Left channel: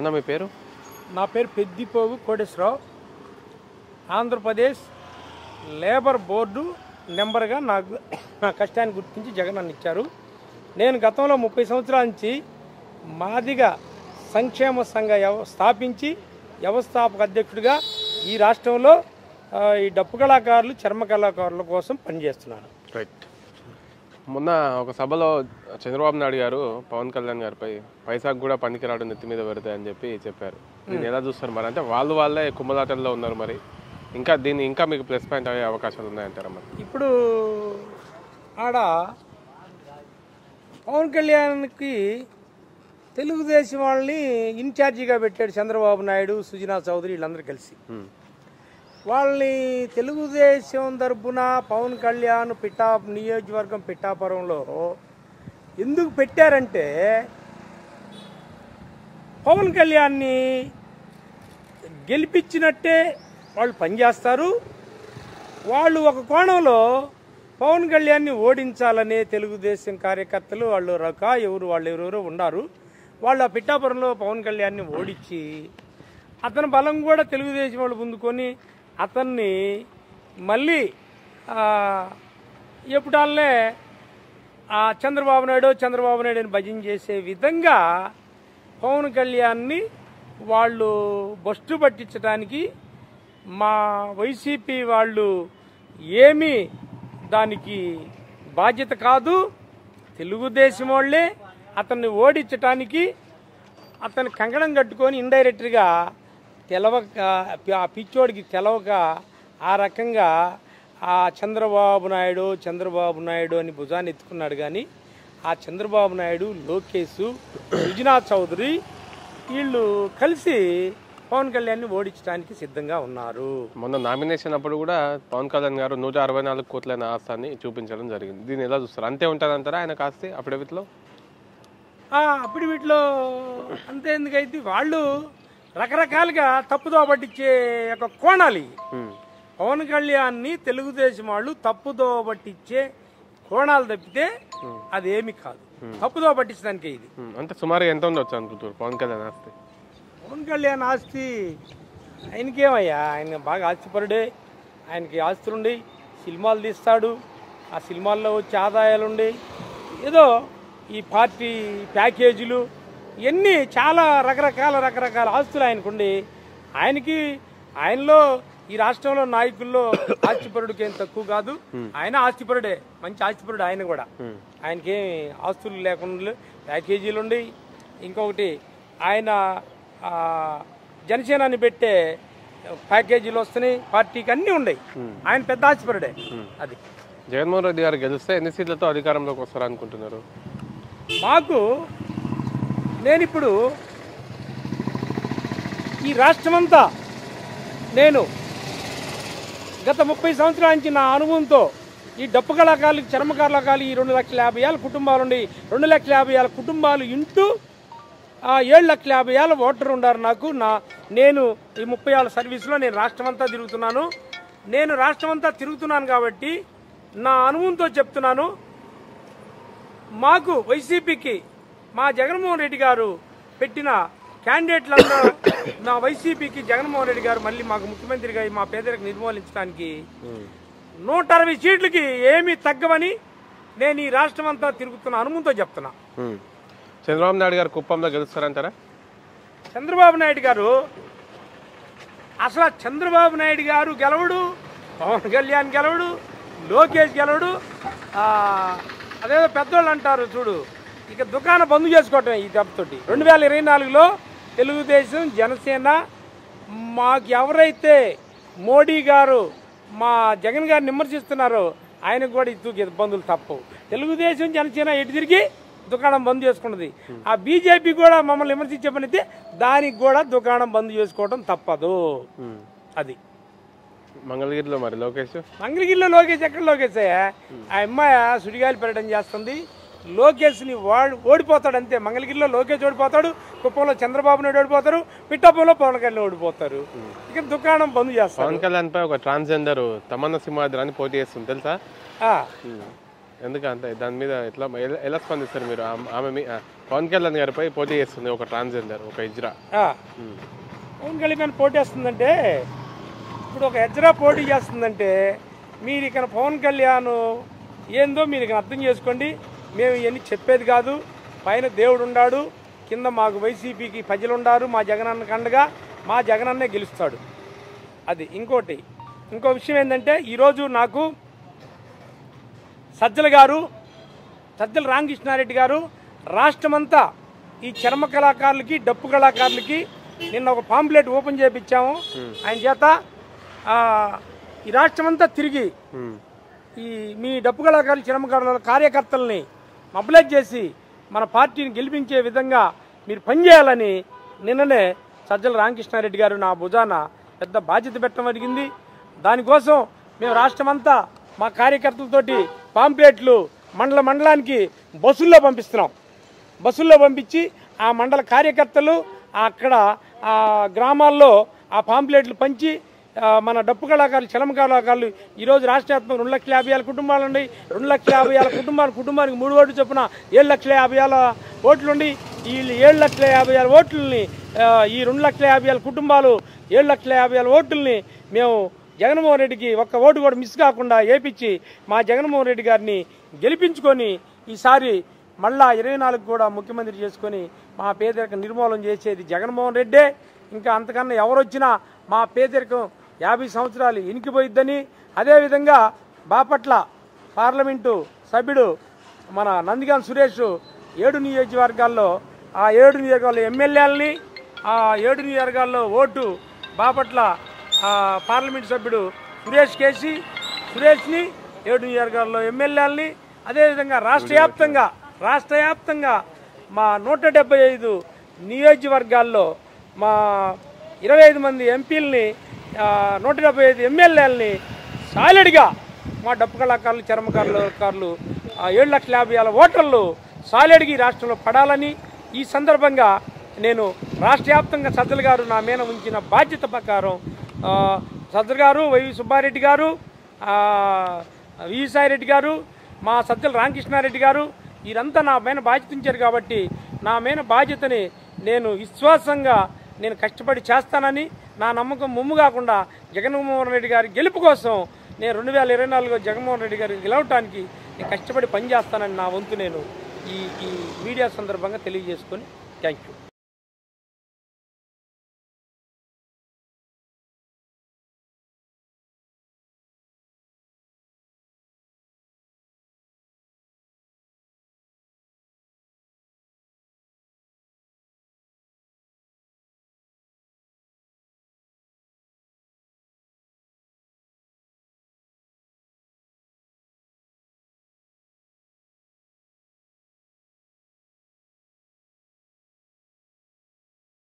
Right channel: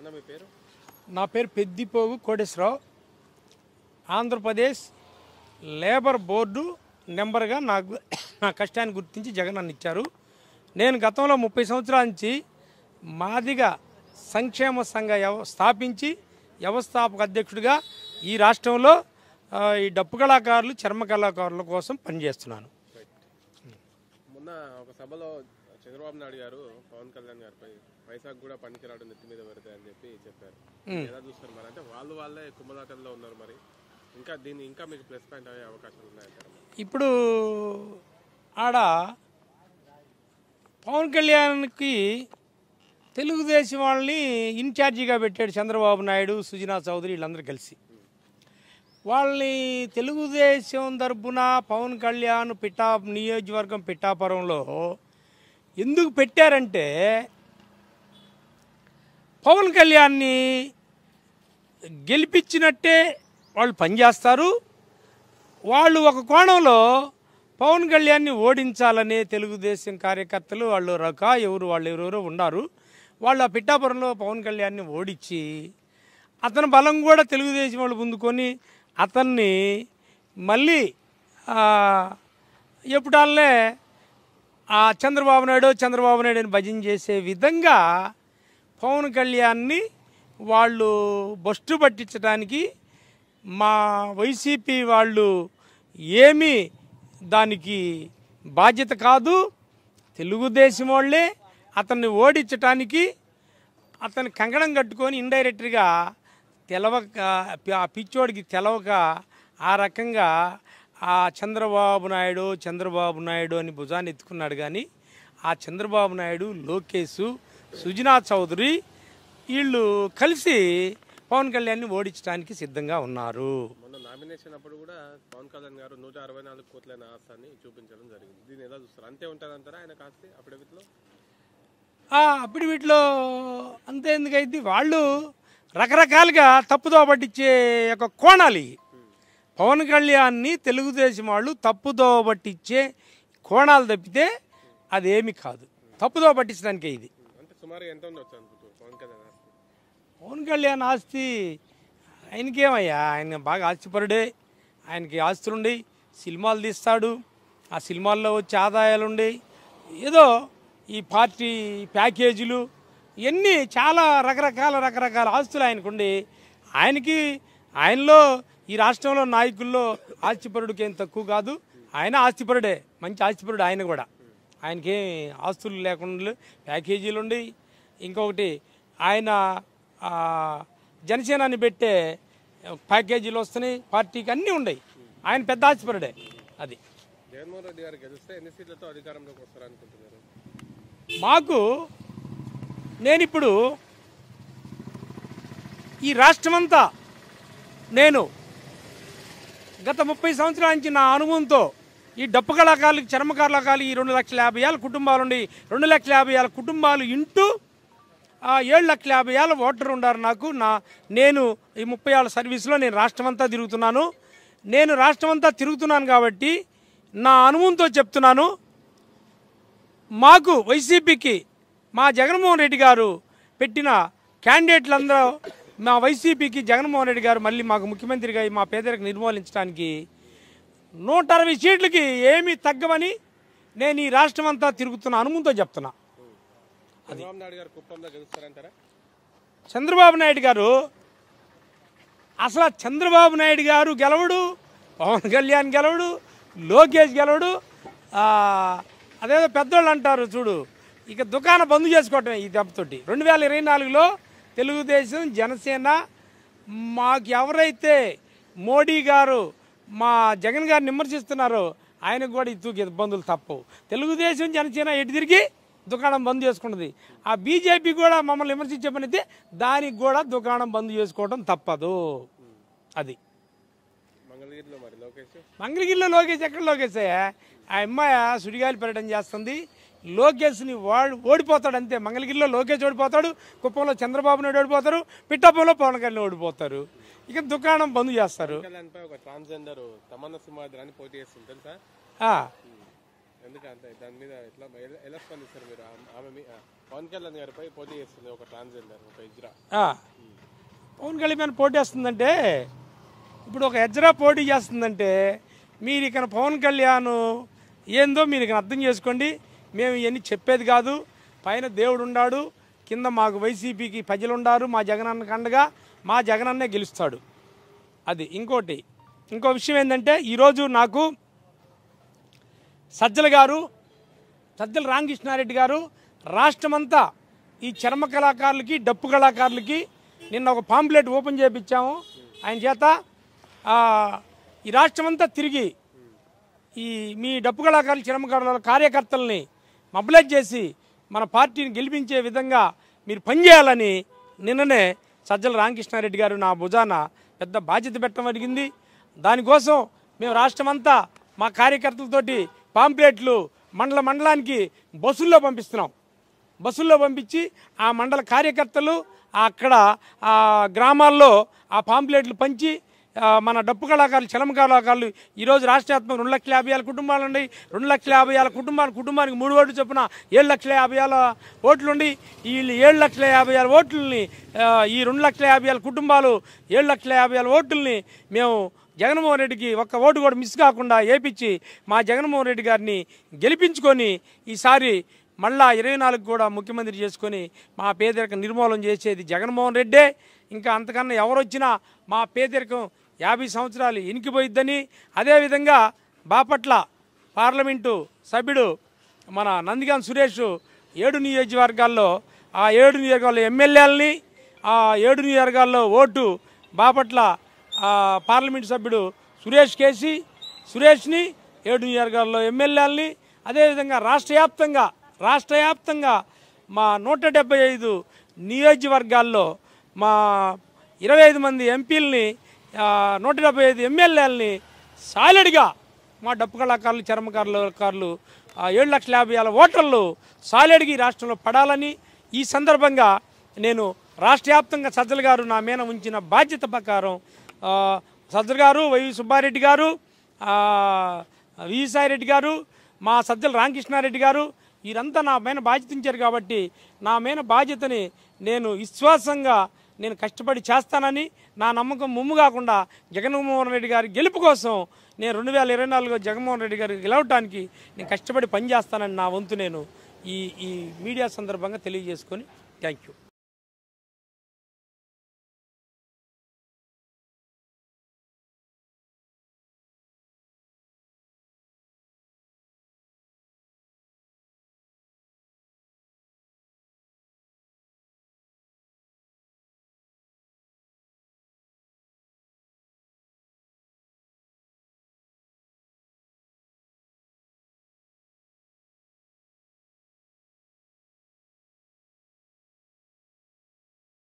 అన్న మీ పేరు? నా పేరు పెద్దిపోగు కోటేశ్వరరావు. ఆంధ్రప్రదేశ్ లేబర్ బోర్డు నెంబర్గా నా కష్టాన్ని గుర్తించి జగన్ నన్ను ఇచ్చారు. నేను గతంలో 30 సంవత్సరాల నుంచి మాదిగ సంక్షేమ సంఘ స్థాపించి వ్యవస్థాపక అధ్యక్షుడిగా ఈ రాష్ట్రంలో ఈ డప్పు కళాకారులు చర్మ కళాకారుల కోసం పనిచేస్తున్నాను. రైట్. మొన్న ఒక సభలో చంద్రబాబు నాయుడు గారు పవన్ కళ్యాణ్ గారిపై పైసాకు కూడా పనికిరాడు నెత్తి మీద పెడతా అని చెప్పారు. దీన్ని ఎలా చూస్తారు మరి? అంటే వాళ్ళే కుమ్మలాటల్లో ఉన్నారు. మరి దీన్ని ఇంకా మీకు ప్లస్ పాయింట్ అయ్యే అవకాశాలు ఉన్నాయంటారా? మరి ఇప్పుడు ఆడ పవన్ కళ్యాణ్కి తెలుగుదేశం వాళ్ళని ఇన్ఛార్జిగా పెట్టాడు చంద్రబాబు నాయుడు, సుజనా చౌదరి వీళ్ళందరూ కలిసి. వాళ్ళని తెలుగుదేశం తరపున పవన్ కళ్యాణ్ నియోజకవర్గం పిఠాపురంలో ఎందుకు పెట్టారంటే పవన్ కళ్యాణ్ని గెలిపించినట్టే వాళ్ళు పనిచేస్తారు. వాళ్ళు ఒక కోణంలో పవన్ కళ్యాణ్ని ఓడించాలనే తెలుగుదేశం కార్యకర్తలు వాళ్ళు ఎవరెవరో ఉన్నారు. వాళ్ళు ఆ పిఠాపురంలో పవన్ కళ్యాణ్ని ఓడించి అతని బలం కూడా తెలుగుదేశం వాళ్ళు పొందుకొని అతన్ని మళ్ళీ ఎప్పుడల్లే చంద్రబాబు నాయుడు అని భజన చేసే విధంగా పవన్ కళ్యాణ్ని వాళ్ళు బస్టు పట్టించడానికి మా వైసీపీ వాళ్ళు ఏమీ దానికి బాధ్యత కాదు. తెలుగుదేశం వాళ్ళే అతన్ని ఓడించటానికి అతన్ని కంకణం కట్టుకొని ఇండైరెక్ట్గా పిచ్చోడికి తెలవక ఆ రకంగా చంద్రబాబు నాయుడు అని భుజాన్ని ఎత్తుకున్నాడు. కానీ ఆ చంద్రబాబు నాయుడు, లోకేష్, సుజనా చౌదరి వీళ్ళు కలిసి పవన్ కళ్యాణ్ని ఓడించడానికి సిద్ధంగా ఉన్నారు. మొన్న నామినేషన్ అప్పుడు కూడా పవన్ కళ్యాణ్ గారు 164 కోట్ల ఆస్తాన్ని చూపించడం జరిగింది. దీన్ని ఎలా చూస్తారు? అంతే ఉంటుందంటారా ఆయన కాస్త అఫిడవిట్లో? అఫిడవిట్లో అంతే ఎందుకైతే వాళ్ళు రకరకాలుగా తప్పుదో పట్టించే ఒక కోణాలు. పవన్ కళ్యాణ్ని తెలుగుదేశం వాళ్ళు తప్పుదో పట్టించే కోణాలు తప్పితే అదేమి కాదు. తప్పుదో పట్టించడానికి ఇది. అంటే సుమారు ఎంత ఉండొచ్చు అనుకుంటారు పవన్ కళ్యాణ్ ఆస్తి? పవన్ కళ్యాణ్ ఆస్తి ఆయనకేమయ్యా, ఆయన బాగా ఆస్తిపరుడే. ఆయనకి ఆస్తులుండి సినిమాలు తీస్తాడు. ఆ సినిమాల్లో వచ్చే ఆదాయాలుండి ఏదో ఈ పార్టీ ప్యాకేజీలు ఇవన్నీ చాలా రకరకాల ఆస్తులు ఆయనకుండి ఆయనలో ఈ రాష్ట్రంలో నాయకుల్లో ఆస్తిపరుడికి ఏం తక్కువ కాదు. ఆయన ఆస్తిపరుడే, మంచి ఆస్తిపరుడు ఆయన కూడా. ఆయనకేం ఆస్తులు లేకుండా ప్యాకేజీలు ఉండి ఇంకొకటి ఆయన జనసేనాన్ని పెట్టే ప్యాకేజీలు వస్తున్నాయి, పార్టీకి అన్నీ ఉన్నాయి. ఆయన పెద్ద ఆస్తిపరుడే. అది జగన్మోహన్ రెడ్డి గారు గెలిస్తే ఎన్ని సీట్లతో అధికారంలోకి వస్తారు అనుకుంటున్నారు? నేనిప్పుడు ఈ రాష్ట్రమంతా నేను గత 30 సంవత్సరాల నుంచి నా అనుభవంతో ఈ డప్పు కళాకారులకి చర్మ కళాకారులు ఈ 2,50,000 కుటుంబాలు ఉండి 2,50,000 కుటుంబాలు ఇంటూ 7,50,000 ఓటర్ ఉన్నారు నాకు. నేను ఈ 30 ఏళ్ళ సర్వీస్లో నేను రాష్ట్రమంతా తిరుగుతున్నాను. నేను రాష్ట్రమంతా తిరుగుతున్నాను కాబట్టి నా అనుభవంతో చెప్తున్నాను. మాకు వైసీపీకి మా జగన్మోహన్ రెడ్డి గారు పెట్టిన క్యాండిడేట్లందరూ మా వైసీపీకి జగన్మోహన్ రెడ్డి గారు మళ్ళీ మాకు ముఖ్యమంత్రిగా మా పేదరికం నిర్మూలించడానికి 160 సీట్లకి ఏమీ తగ్గవని నేను ఈ రాష్ట్రం అంతా తిరుగుతున్న అనుభవంతో చెప్తున్నా. చంద్రబాబు నాయుడు గారు కుప్పంలో గెలుస్తారంటారా? చంద్రబాబు నాయుడు గారు గెలవడు, పవన్ కళ్యాణ్ గెలవడు, లోకేష్ గెలవడు. అదే పెద్దోళ్ళు అంటారు చూడు, ఇక దుకాణం బంద్ చేసుకోవటం ఈ దెబ్బతోటి. 2024లో తెలుగుదేశం జనసేన మాకు ఎవరైతే మోడీ గారు మా జగన్ గారిని విమర్శిస్తున్నారో ఆయనకు కూడా ఇబ్బందులు తప్పవు. తెలుగుదేశం జనసేన ఎటు తిరిగి దుకాణం బంద్ చేసుకున్నది. ఆ బీజేపీ కూడా మమ్మల్ని విమర్శించే పని అయితే దానికి కూడా దుకాణం బంద్ చేసుకోవడం తప్పదు. అది మంగళగిరిలో మరి మంగళగిరిలో లోకేష్ ఎక్కడ లోకేష్? ఆ అమ్మాయి సుడిగాలి పర్యటన చేస్తుంది. లోకేష్ని ఓడిపోతాడు అంతే. మంగళగిరిలో లోకేష్ ఓడిపోతాడు, కుప్పంలో చంద్రబాబు నాయుడు ఓడిపోతారు, పిఠాపురంలో పవన్ కళ్యాణ్ ఓడిపోతారు. ఇక దుకాణం బంద్ చేస్తారు. పవన్ కళ్యాణ్ పై ఒక ట్రాన్స్జెండర్ తమన్నా సింహాద్రి అని పోటీ చేస్తుంది తెలుసా? ఎందుకంటే దాని మీద ఎలా స్పందిస్తారు మీరు? ఆమె పవన్ కళ్యాణ్ గారిపై పోటీ చేస్తుంది ఒక ట్రాన్స్జెండర్, ఒక ఇజ్రా. పవన్ కళ్యాణ్ పోటీ చేస్తుందంటే, ఇప్పుడు ఒక ఎజ్రా పోటీ చేస్తుందంటే మీరు ఇక్కడ పవన్ కళ్యాణ్ ఏందో మీరు ఇక్కడ అర్థం చేసుకోండి. మేము ఇవన్నీ చెప్పేది కాదు. పైన దేవుడు ఉన్నాడు, కింద మాకు వైసీపీకి ప్రజలు ఉన్నారు. మా జగనన్న కండగా మా జగనన్నే గెలుస్తాడు. అది ఇంకో విషయం ఏంటంటే, ఈరోజు నాకు సజ్జల రామకృష్ణారెడ్డి గారు రాష్ట్రమంతా ఈ చర్మ కళాకారులకి, డప్పు కళాకారులకి నిన్న ఒక పాంప్లెట్ ఓపెన్ చేయించాము ఆయన చేత. ఈ రాష్ట్రమంతా తిరిగి ఈ మీ డప్పు కళాకారులు, చర్మ కళాకారుల కార్యకర్తల్ని మొబిలైజ్ చేసి మన పార్టీని గెలిపించే విధంగా మీరు పనిచేయాలని నిన్ననే సజ్జల రామకృష్ణారెడ్డి గారు నా భుజాన పెద్ద బాధ్యత పెట్టడం జరిగింది. దానికోసం మేము రాష్ట్రమంతా మా కార్యకర్తలతోటి పాంప్లెట్లు మండలానికి బస్సుల్లో పంపిస్తున్నాం. బస్సుల్లో పంపించి ఆ మండల కార్యకర్తలు అక్కడ గ్రామాల్లో ఆ పాంప్లెట్లు పంచి మన డప్పు కళాకారులు, చలమ కళాకారులు ఈరోజు రాష్ట్ర వ్యాప్తంగా 2,50,000 కుటుంబాలు ఉన్నాయి. 2,50,000 కుటుంబానికి 3 ఓట్లు చొప్పున 7,50,000 ఓట్లుండి ఈ 7,50,000 ఓట్లని ఈ 2,50,000 కుటుంబాలు 7,50,000 ఓట్లని మేము జగన్మోహన్ రెడ్డికి ఒక్క ఓటు కూడా మిస్ కాకుండా వేయించి మా జగన్మోహన్ రెడ్డి గారిని గెలిపించుకొని ఈసారి మళ్ళా 24 కూడా ముఖ్యమంత్రి చేసుకొని మా పేదరికం నిర్మూలన చేసేది జగన్మోహన్ రెడ్డే. ఇంకా అంతకన్నా ఎవరొచ్చినా మా పేదరికం 50 సంవత్సరాలు ఇనికిపోయిద్దని. అదేవిధంగా బాపట్ల పార్లమెంటు సభ్యుడు మన నందిగాం సురేష్ 7 నియోజకవర్గాల్లో ఆ 7 నియోజకవర్గాల ఎమ్మెల్యేలని, ఆ 7 నియోజకవర్గాల్లో ఓటు బాపట్ల పార్లమెంటు సభ్యుడు సురేష్ని 7 నియోజకవర్గాల్లో ఎమ్మెల్యేలని, అదేవిధంగా రాష్ట్ర వ్యాప్తంగా మా 175 నియోజకవర్గాల్లో మా 25 మంది ఎంపీలని, 175 ఎమ్మెల్యేలని సాలిడ్గా మా డప్పు కళాకారులు, చర్మకారులు 7,50,000 ఓటర్లు సాలిడ్గా ఈ రాష్ట్రంలో పడాలని ఈ సందర్భంగా నేను రాష్ట్ర వ్యాప్తంగా సజ్జల గారు నా మీద ఉంచిన బాధ్యత ప్రకారం సజ్జల గారు, వై సుబ్బారెడ్డి గారు, విసాయిరెడ్డి గారు, మా సజ్జల రామకృష్ణారెడ్డి గారు వీరంతా నా మీద బాధ్యత ఇచ్చారు. కాబట్టి నా మీద బాధ్యతని నేను విశ్వాసంగా నేను కష్టపడి చేస్తానని, నా నమ్మకం ముమ్ము కాకుండా జగన్మోహన్ రెడ్డి గారి గెలుపు కోసం నేను 2024లో జగన్మోహన్ రెడ్డి గారికి గెలవటానికి నేను కష్టపడి పనిచేస్తానని నా వంతు నేను ఈ మీడియా సందర్భంగా తెలియజేసుకొని థ్యాంక్ యూ.